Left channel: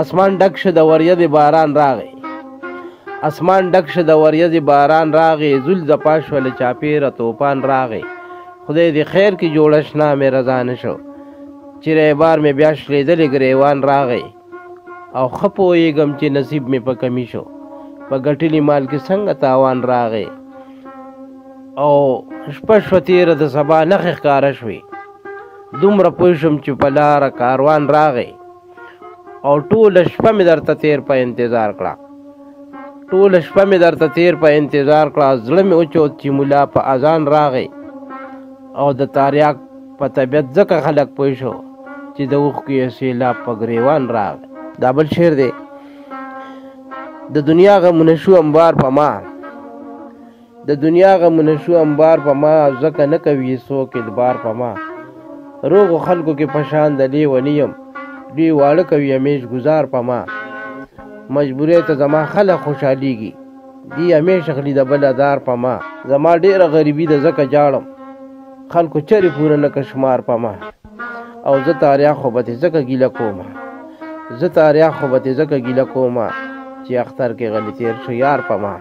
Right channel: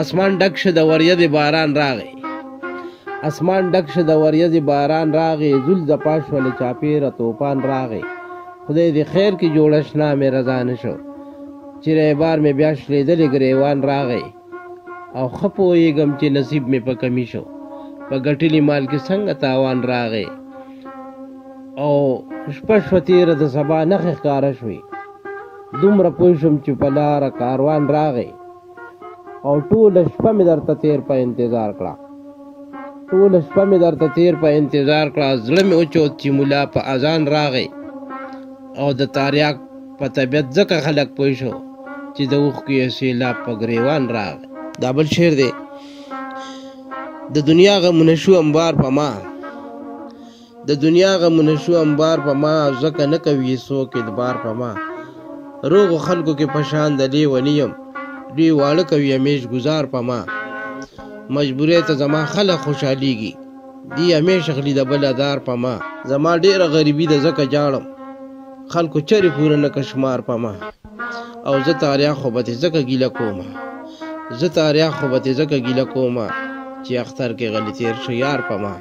اسمان ډک شه د وریځې باران راغی، اسمان ډک شه د وریځې باران راغی، زول د پاشول چاپیره توپان راغی. خدای دې خیر کې جوړه شنه مې رضا نه شو، چیرې بار مې بیا شلیدلې ګریوان راغی. او ښه پوهېږم چې نصیب مې په کمی شو، په ګټلي مال کې څنګه تاوان راغی. او شپه شوه تېره د سبا نښې ښکاره شوې، دومره پوه شوم چې په لاره کاروان راغی. او ټوله شپه مې درته تېر په انتظار کړه، ټوله شپه مې درته تېر په انتظار کړه. زړه مې وچوت چې ملا په اذان راغی. او د تاریاک په طبیعت ځکه خلک پوه شو چې د اوښکو یې سیلاب په ګریوان راغی. دا بل شعر دی. د دنیا غمونه شو انبار په ما، د دنیا غمونه شو انبار په ما، ځکه نه کوي څوک اعتبار په ما. روغو خلکو کې پشان د لیونی یم، دوی واړه کوي همیش گزار په ما. مجبورۍ ته زما خلک خوشحالیږي، دی همیش اخلي د بل ادار په ما. زما ډېره غریبي ده ځکه جاړم، خلکو چرې پوره نه کشمار په ما. او زه تاریخ خو به تې ځکه ګیله کومه، زه تاریخ خو به تې ځکه ګیله کومه چې اختر کې غلی تېر شو یار په ما.